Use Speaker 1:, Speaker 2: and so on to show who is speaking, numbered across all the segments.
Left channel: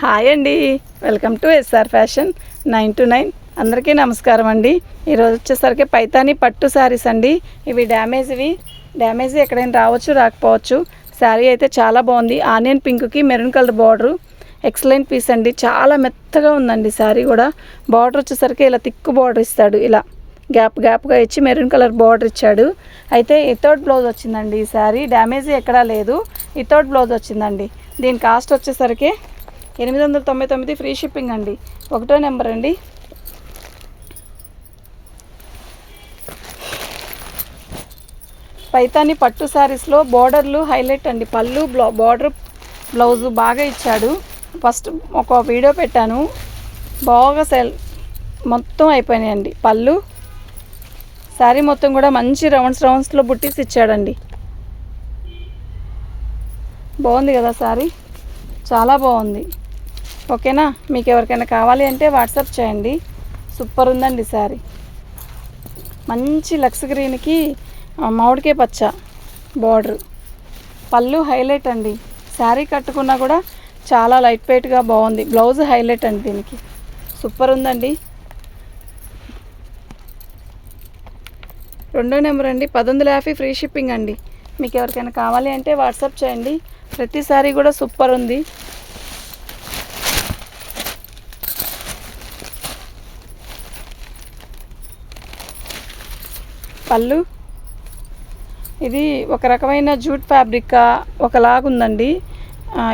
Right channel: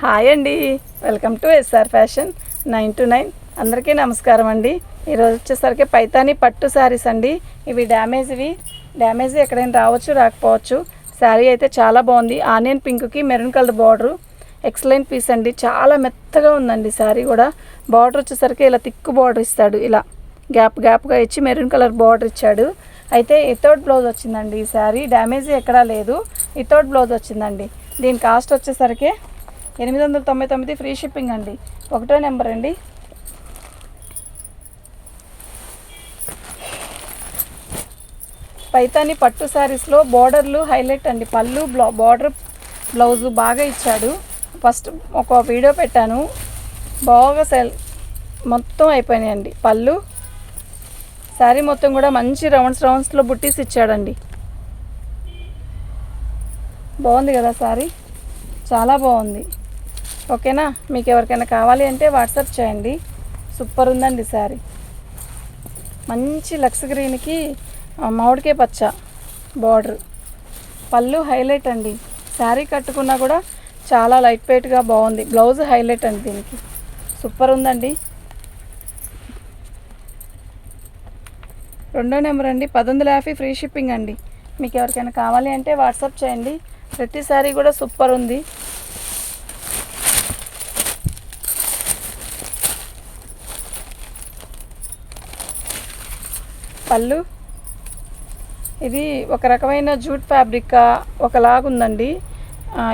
Speaker 1: Hi అండి. Welcome to S R fashion nine two nine. అందరికీ నమస్కారం అండి. ఈరోజు వచ్చేసరికి పైతాని పట్టు శారీస్ అండి. ఇవి డ్యామేజ్వి డ్యామేజ్ ఎక్కడైనా రావచ్చు రాకపోవచ్చు. శారీ అయితే చాలా బాగుంది. ఆనియన్ పింక్కి maroon colour border. Excellent piece అండి. చాలా మెత్తగా ఉందండి శారీ కూడా. బార్డర్ వచ్చేసరికి ఇలా తిక్కు బార్డర్ ఇస్తాడు. ఇలా గ్యాప్ గ్యాప్గా ఇచ్చి మెరూన్ కలర్ బార్డర్ ఇచ్చాడు. అయితే ఇథర్డ్ బ్లౌజ్ వచ్చిందండి ఈ శారీ. డ్యామేజ్ ఎక్కడా లేదు. ఇథర్డ్ బ్లౌజ్ వచ్చిందండి. దీని కాస్ట్ వచ్చేసరికి ఎనిమిది వందల తొంభై తొమ్మిది ఫ్రీ షిప్పింగ్ అండి. ఒకటో నెంబర్ అండి. పైతాని పట్టు శారీస్లో బోర్డర్లు హైలైట్ అండి. పళ్ళు బ్లౌ బార్డర్ బ్లౌజు బాగా ఇచ్చాడు. ఫస్ట్ ఒక వీడియో పెట్టాను. బాగా సెల్ మొత్తం అయిపోయినాయండి. పళ్ళు శారీ మొత్తం కూడా మంచి రౌండ్స్ రౌండ్స్లో బుట్టీస్ ఇచ్చాడండి. బాగుంది కదా శారీ చాలా బాగుంది. ఓకేనా? మీకు ఎవరికైనా కావాలి అంటే వాట్సాప్ చేయండి. సూపర్ ఉందండి సారీ. మంచి లక్స్ గ్రీన్కి మామిడికే మామిడికాయ పచ్చ బార్డర్. పళ్ళు హైలైట్ అండి. శారీ కట్టుకున్నా కూడా చాలా లైట్ వెయిట్గా బాగుంది. బ్లౌజ్ హైలైట్ అండి దీనికి. సూపర్ ఉందండి. రెండో నెంబర్ అండి. పదొందల యాభై ఫ్రీ షిప్పింగ్ అండి. మీకు ఎవరికైనా కావాలి అంటే వాట్సాప్ చేయండి. ప్రతి శారీ కూడా సూపర్ ఉంది. పళ్ళు. ఇది ఒక రకమైన జూట్ ఫ్యాబ్రిక్ ఒకలాగుందండి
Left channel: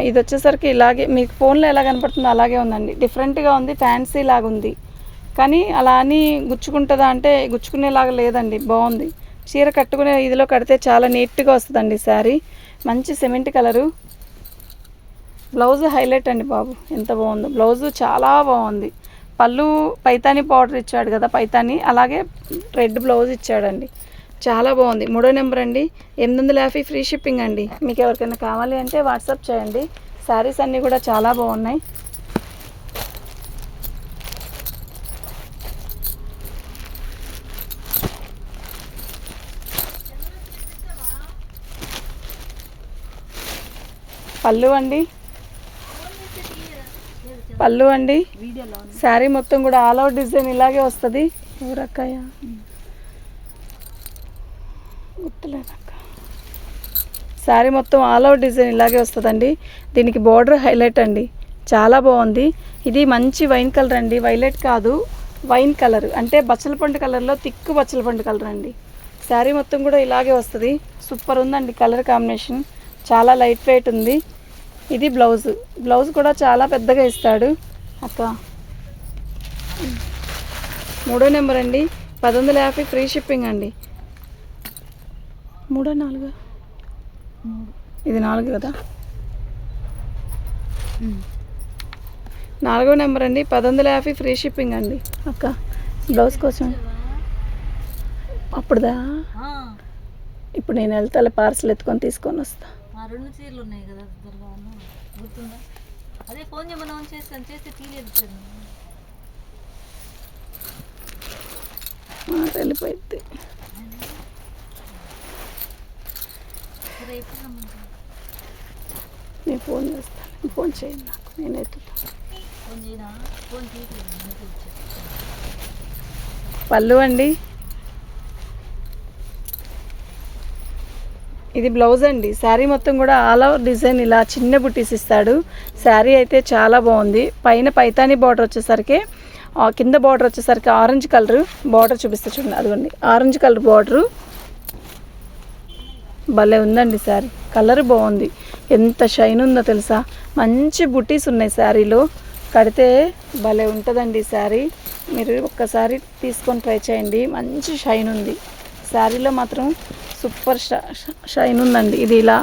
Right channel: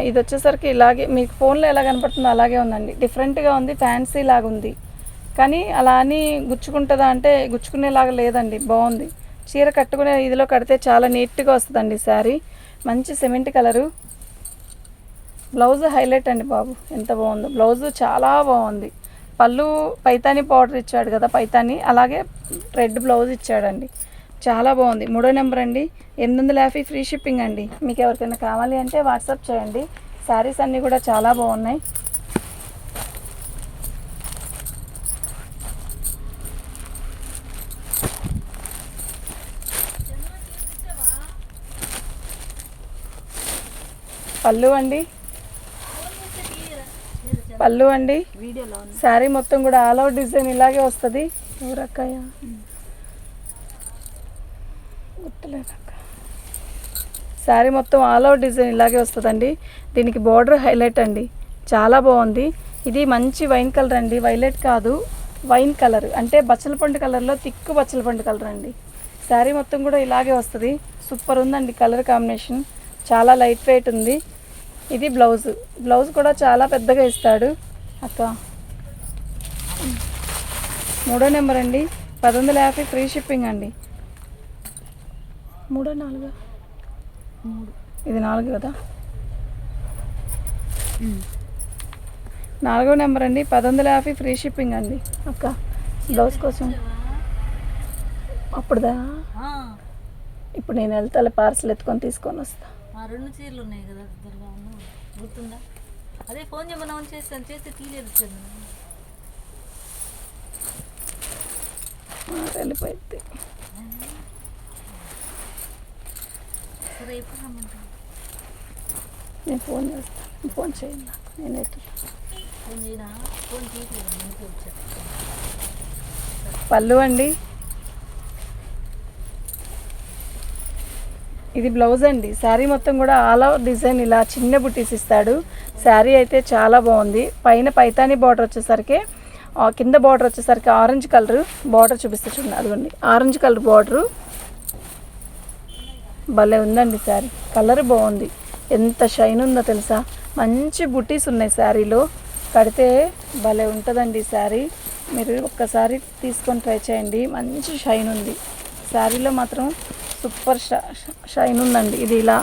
Speaker 1: ఇది వచ్చేసరికి ఇలాగే మీకు ఫోన్లో ఎలా కనపడుతుందో అలాగే ఉందండి. డిఫరెంట్గా ఉంది ఫ్యాన్సీ లాగా ఉంది. కానీ అలా అని గుచ్చుకుంటుందా అంటే గుచ్చుకునేలాగా లేదండి బాగుంది. చీర కట్టుకునే ఇదిలో కడితే చాలా నీట్గా వస్తుందండి శారీ మంచి సిమెంట్ కలరు. బ్లౌజ్ హైలైట్ అండి బాబు ఎంత బాగుందో. బ్లౌజ్ చాలా బాగుంది. పళ్ళు పైతాని పౌడర్ ఇచ్చాడు కదా పైతాని. అలాగే రెడ్ బ్లౌజ్ ఇచ్చాడండి. చాలా బాగుంది. మూడో నెంబర్ అండి. ఎనిమిది వందల యాభై ఫ్రీ షిప్పింగ్ అండి. మీకు ఎవరికైనా కావాలి అంటే వాట్సాప్ చేయండి. శారీస్ అన్నీ కూడా చాలా బాగున్నాయి. పళ్ళు అండి. పళ్ళు అండి. శారీ మొత్తం కూడా ఆల్ అవుట్ డిజైన్ ఇలాగే వస్తుంది. ఊరక్కయ్య శారీ మొత్తం ఆల్ అవుట్ డిజైన్ ఇలాగే వస్తుందండి. దీనికి బార్డర్ హైలైట్ అండి. చాలా బాగుంది. ఇది మంచి వైన్ కలర్ అండి. వైలెట్ కాదు వైన్ కలర్. అంటే బచ్చలపండు కలర్లో తిక్కు బచ్చలపండు కలర్ అండి. శారీ మొత్తం కూడా ఇలాగే వస్తుంది. సూపర్ ఉందండి కలర్ కాంబినేషన్. చాలా లైట్ వెయిట్ ఉంది. ఇది బ్లౌజ్ బ్లౌజ్ కూడా చాలా పెద్దగా ఇస్తాడు. అక్క. మూడో నెంబర్ అండి. పదొందల యాభై ఫ్రీ షిప్పింగ్ అండి. మూడో నాలుగు. ఇది నాలుగు కదా? నాలుగో నెంబర్ అండి. పదొందల యాభై ఫ్రీ షిప్పింగ్ అండి. అక్క బ్లౌజ్ కోసం. అప్పుడుదా? ఇప్పుడు నేను వెళ్తా పార్సల్ ఎత్తుకొని తీసుకొని వస్తా.
Speaker 2: ఆ రెండు చీరలు ఉన్నాయి కదా ఇద్దరుగా గుర్తుందా? అదే ఫోన్ చేయమని చేస్తాను చేస్తే తీయలేదు
Speaker 1: వెళ్ళిపోయింది
Speaker 2: సరే ఎప్పుడు రమ్మంటావు?
Speaker 1: నేను ఫోన్ చేస్తాను ఫోన్ చేయండి నేను ఎత్తుతాను
Speaker 2: ఫోన్ చేయనా? ఫోన్
Speaker 1: పళ్ళు అండి. ఇది బ్లౌజ్ అండి. శారీ మొత్తం కూడా ఆల్ ఓవర్ డిజైన్ ఇలా చిన్న బుట్టీస్ ఇస్తాడు. శారీ అయితే చాలా బాగుంది. పైన పైతాని బార్డర్ వచ్చేసరికి కింద బార్డర్ వచ్చేసరికి ఆరెంజ్ కలర్ బార్డర్ చూపిస్తే చూడండి. అదిగోండి. Orange colour border. భలే ఉందండి శారీ. కలర్ బాగుంది. ఎంత షైన్ ఉందో తెలుసా? మంచి బుటీస్ ఉన్నాయి శారీలో. కడితే భలే ఉంటుందండి శారీ. మీరు ఒక్కసారి తీసుకొని ట్రై చేయండి. మంచి షైన్ ఉంది. శారీలో మాత్రం సూపర్ షైన్ ఉందండి. ఇది ఇలా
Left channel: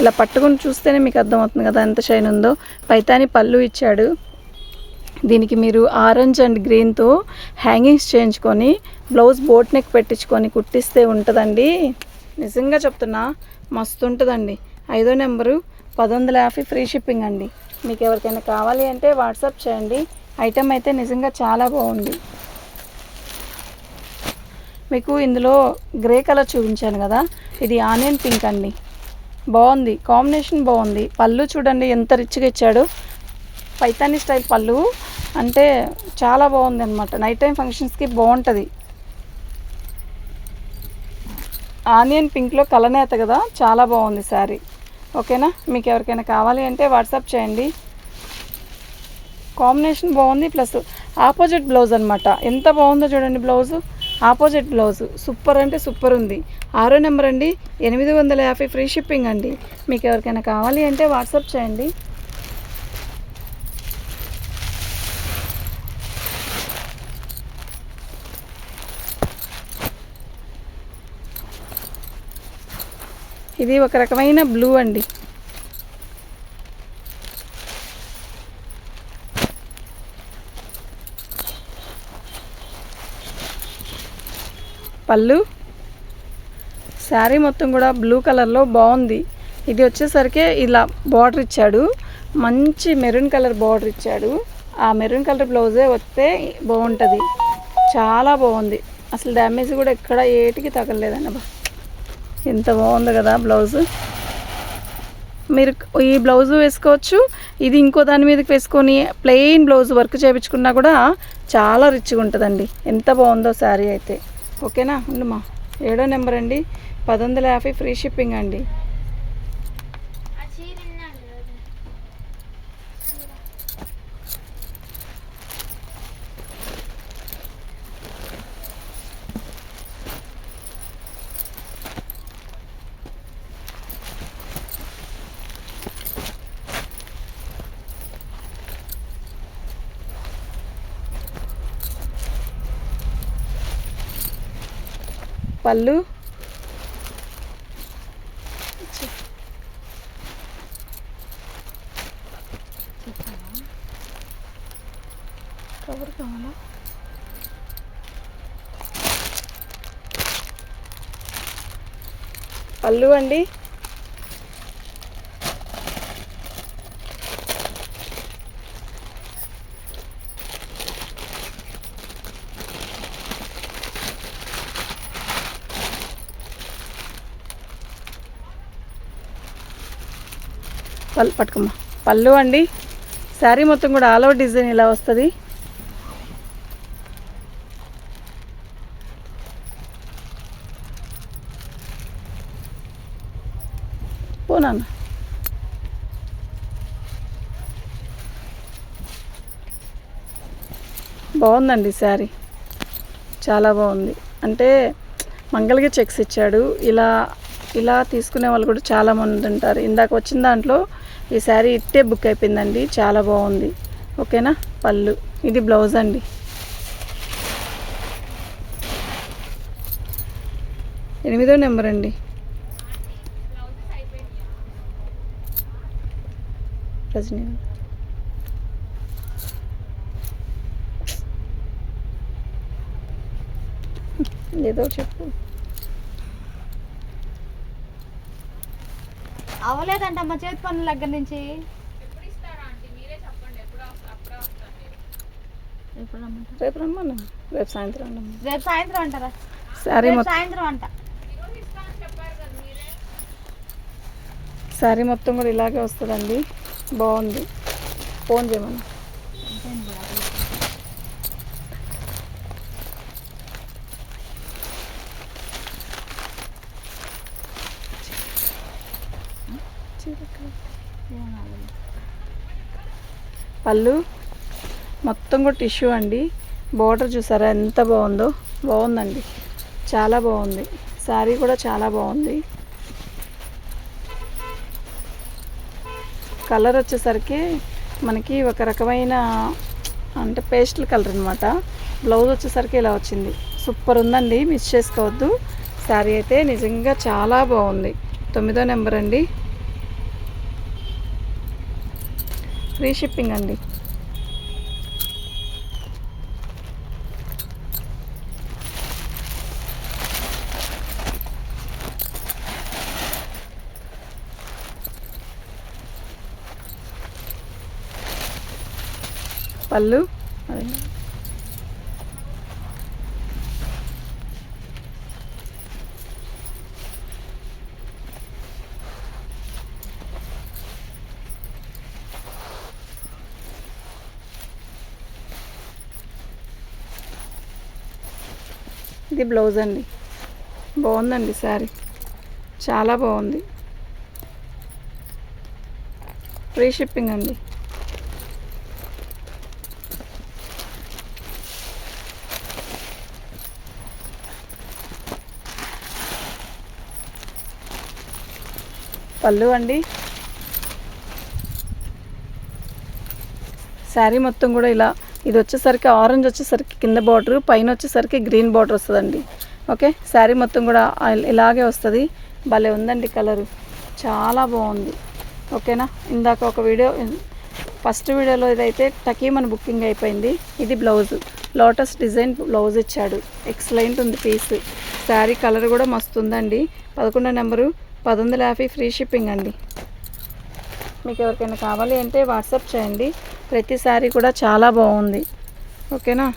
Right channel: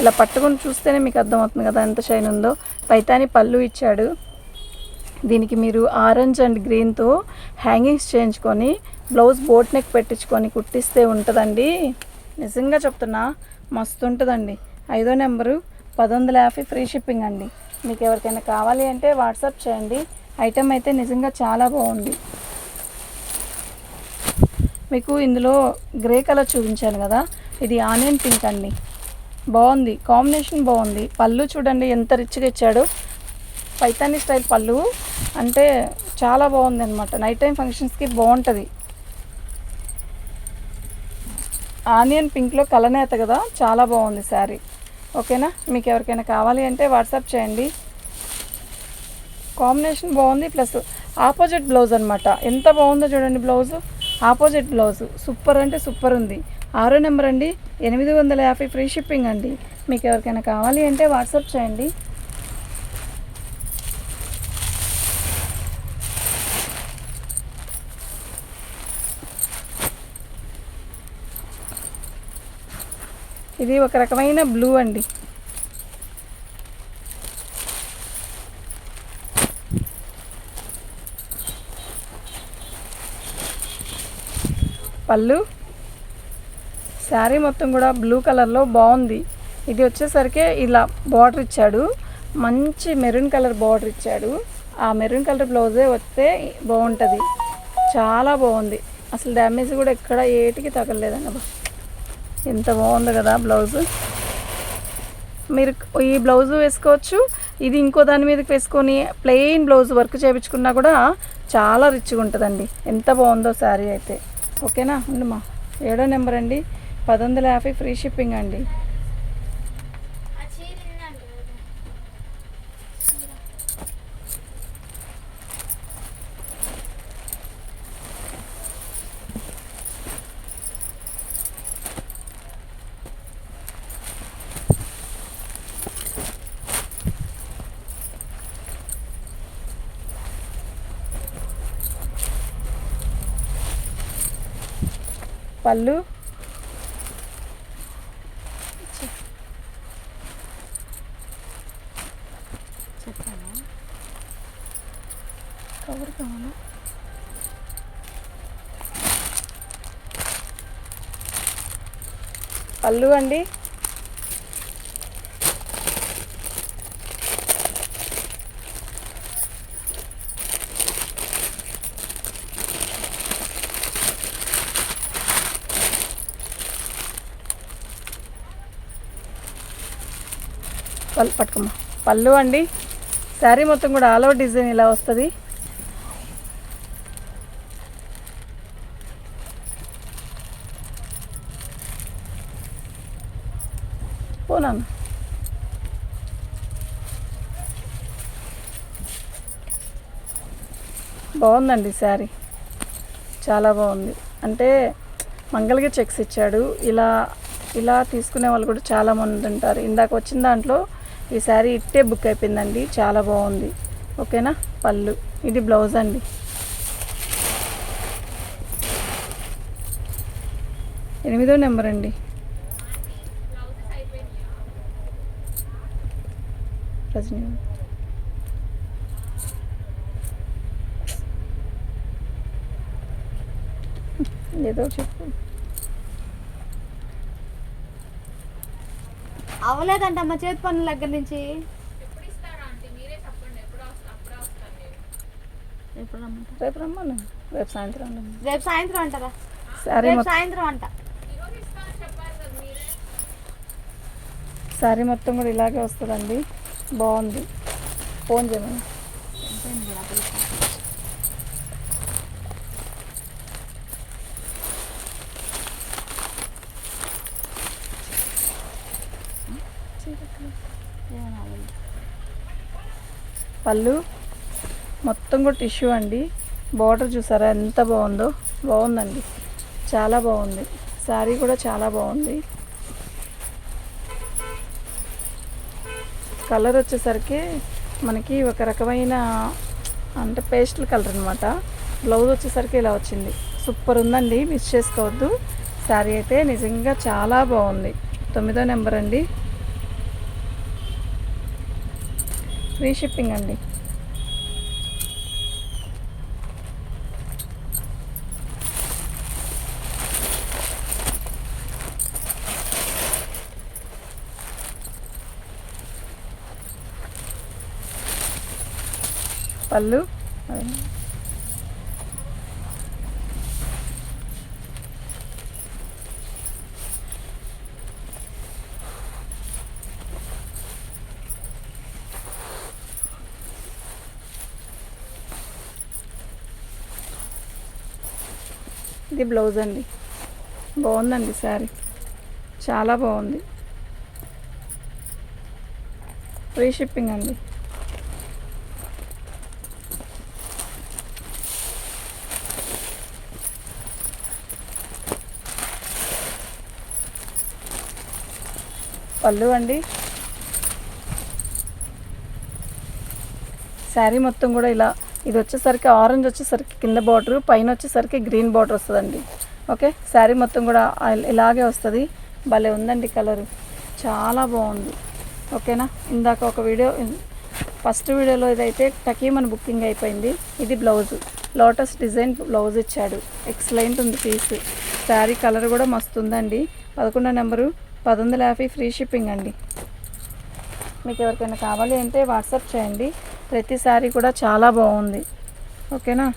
Speaker 1: ఇలా పట్టుకుని చూస్తేనే మీకు అర్థమవుతుంది కదా ఎంత షైన్ ఉందో. పైతాని పళ్ళు ఇచ్చాడు. దీనికి మీరు ఆరెంజ్ అండ్ గ్రీన్తో హ్యాంగింగ్స్ చేయించుకొని బ్లౌజ్ బోట్ నెక్ పెట్టించుకొని కుట్టిస్తే ఉంటుందండి. నిజంగా చెప్తున్నా మస్తు ఉంటుందండి. ఐదో నెంబరు పదొందల యాభై ఫ్రీ షిప్పింగ్ అండి. మీకు ఎవరికైనా కావాలి అంటే వాట్సాప్ చేయండి. ఐటెం అయితే నిజంగా చాలా బాగుంది. మీకు ఇందులో గ్రే కలర్ చూపించాను కదా. ఇది ఆనియన్ పింక్ అండి. బాగుంది. కాంబినేషన్ బాగుంది. పళ్ళు చూడండి ఎంత రిచ్గా ఇచ్చాడో. పైతాని స్టైల్ పళ్ళు. అంటే చాలా బాగుంది అనమాట నైట్ టైం ఫంక్షన్స్కి బాగుంటుంది. ఆనియన్ పింక్లో కలనేత కదా. చాలా బాగుంది శారీ. ఓకేనా? మీకు ఎవరికైనా కావాలి అంటే వాట్సాప్ చేయండి. కాంబినేషన్ బాగుంది. ప్లస్ ఆపోజిట్ బ్లౌజ్ అనమాట ఎంత బాగుందో చూడండి బ్లౌజు. Opposite blouse. సూపర్ అంటే సూపర్ ఉంది. ఆరో నెంబర్ అండి. ఎనిమిది వందల యాభై ఫ్రీ షిప్పింగ్ అండి. మీకు ఎవరికైనా కావాలి అంటే వాట్సాప్ చేయండి. ఇది ఒక రకమైన బ్లూ అండి. పళ్ళు. శారీ మొత్తం కూడా బ్లూ కలర్లో బాగుంది ఇది వచ్చేసరికి ఇలా బార్డర్ ఇచ్చాడు. మంచి మెరూన్ కలర్ బార్డర్ ఇచ్చాడు. ఆ మెరూన్ కలర్ బ్లౌజే వస్తే బాగుంటుంది చాలా బాగుంది అసలు డ్యామేజ్ కూడా ఎక్కడ ఏటికి తగలలేదన్న ఎంత బాగుంది కదా బ్లౌజ్. మీరు ఈ బ్లౌజ్ వేసుకోవచ్చు. ఇది ఇంకో దాని మీదకి వేసుకొని ప్లెయిన్ బ్లౌజ్ వర్క్ చేయించుకున్నా కూడా చాలా రిచ్గా ఉంటుందండి. ఎంత బాగుందో శారీ అయితే. ఓకేనా? ఉండమ్మా ఏడో నెంబర్ అండి పది వందల యాభై ఫ్రీ షిప్పింగ్ అండి. పళ్ళు. పళ్ళు అండి. పళ్ళు పట్టుకోమ్మా పళ్ళు అండి. శారీ మొత్తం కూడా ఆల్ ఓవర్ డిజైన్ ఇలా వస్తుంది. పోనాన్న బాగుందండి శారీ. చాలా బాగుంది. అంటే మంగళగిరి చెక్స్ ఇచ్చాడు. ఇలా ఇలా తీసుకునే వాళ్ళు కూడా చాలా మంది ఉంటారు. ఇందాక వచ్చిన దాంట్లో ఈ శారీ ఇట్టే బుక్ అయిపోయిందండి. చాలా బాగుంది. ఓకేనా? పళ్ళు. ఇది బ్లౌజ్ అండి. ఎనిమిదో నెంబర్ అండి. రజనీ. ఏదో చెప్పు.
Speaker 3: అవ్వలేదంట మా చేతి పనుల దగ్గర నుంచి?
Speaker 1: రేపు రమ్మను. రేపు సాయంత్రం.
Speaker 3: రేపు సాయంత్రం అంటారా?
Speaker 1: మొత్తం.
Speaker 3: సాయంత్రం అంట.
Speaker 1: శారీ మొత్తం కూడా ఇలాగే వస్తుందండి. బాగుంది. ఫోన్ చేయమని. పళ్ళు. మొత్తం కూడా టిష్యూ అండి. బార్డర్ చూసారా ఎంత బాగుందో. బాగుందండి. చాలా బాగుంది. శారీ కూడా చాలా బాగుంది. కలర్ వచ్చేసరికి మనకి ఒక రకమైన అంటే పేస్టల్ కలర్ అనమాట బ్లౌజ్ వచ్చేసరికి ఇలా వచ్చింది. సూపర్ ఉందండి. మిస్ చేసుకోవద్దు. శారీ అయితే నిజంగా చాలా బాగుంది. తొమ్మిదో నెంబర్ అండి. ఫ్రీ షిప్పింగ్ అండి. పళ్ళు అదే ఇది బ్లౌజ్ అండి. బాగుందండి శారీ. చాలా బాగుంది. ఫ్రీ షిప్పింగ్ అండి. పళ్ళు అండి. శారీ మొత్తం కూడా ఇలా ఇది వచ్చేసరికి ఆరెంజ్ వచ్చేసరికి కింద బార్డర్ పైన వచ్చేసరికి గ్రీన్ బార్డర్ వస్తుందండి. ఓకే శారీ మొత్తం కూడా ఇలాగే వస్తుంది. భలే ఉందండి కలరు చాలా బాగుంది. ఓకేనా ఇందాక ఒక వీడియో ఫస్ట్ వీడియోలో ఇదైతే టకీమన్ బుకింగ్ అయిపోయింది. ఇది బ్లౌజ్ లోటస్ డిజైన్ బ్లౌజ్ ఇచ్చాడు. ఎక్సలెంట్ ఉంది పీస్ శారీ కలర్ కూడా మస్తు ఉందండి పదకొండో నెంబరు పది వందల యాభై ఫ్రీ షిప్పింగ్ అండి. మీకు ఎవరికైనా కావాలి అంటే వాట్సాప్ చేయండి. ప్రతిసారి కూడా చాలా బాగుంది. ఓకేనా?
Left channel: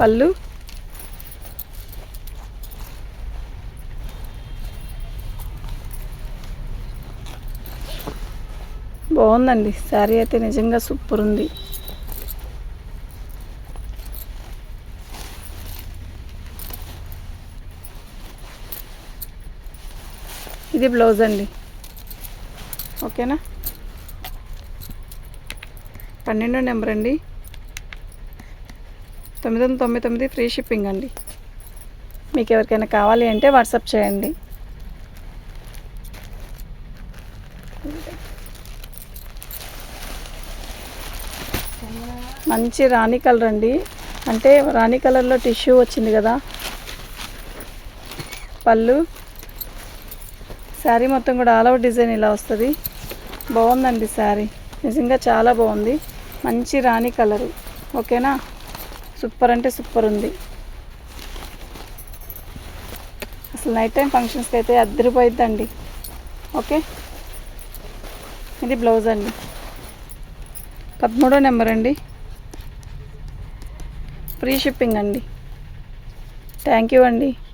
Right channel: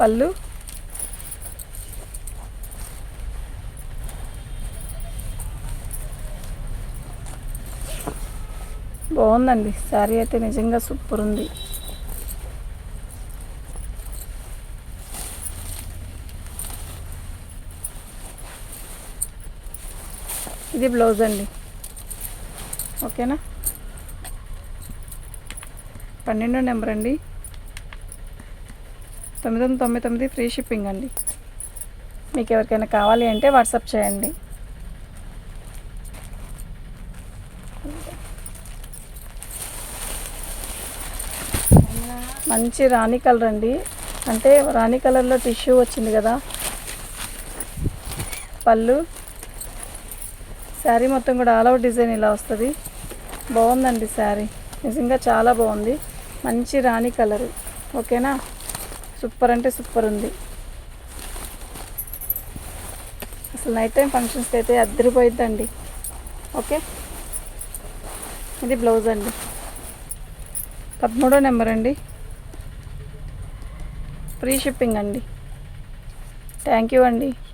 Speaker 1: పళ్ళు? బాగుందండి. శారీ అయితే నిజంగా సూపర్ ఉంది. ఇది బ్లౌజ్ అండి. ఓకేనా? పన్నెండు నెంబర్ అండి. తొమ్మిది వందల తొంభై తొమ్మిది ఫ్రీ షిప్పింగ్ అండి. మీకు ఎవరికైనా కావాలి అంటే వాట్సాప్ చేయండి. మంచి రాణి కలర్ అండి. అంటే రాణి కలర్లో టిష్యూ వచ్చింది కదా. పళ్ళు. శారీ మొత్తం కూడా ఆల్ అవుట్ డిజైన్ ఇలా వస్తుంది. బాగుందండి శారీ. నిజంగా చాలా బాగుంది. మంచి రాణి కలర్. ఓకేనా? సూపర్ అంటే సూపర్ ఉంది. అసలు నైట్ టైం ఫంక్షన్స్కి అయితే అద్దరిపోయిద్దండి. ఓకే? ఇది బ్లౌజ్ అండి. పదమూడో నెంబర్ అండి. ఫ్రీ షిప్పింగ్ అండి. థ్యాంక్ యూ అండి.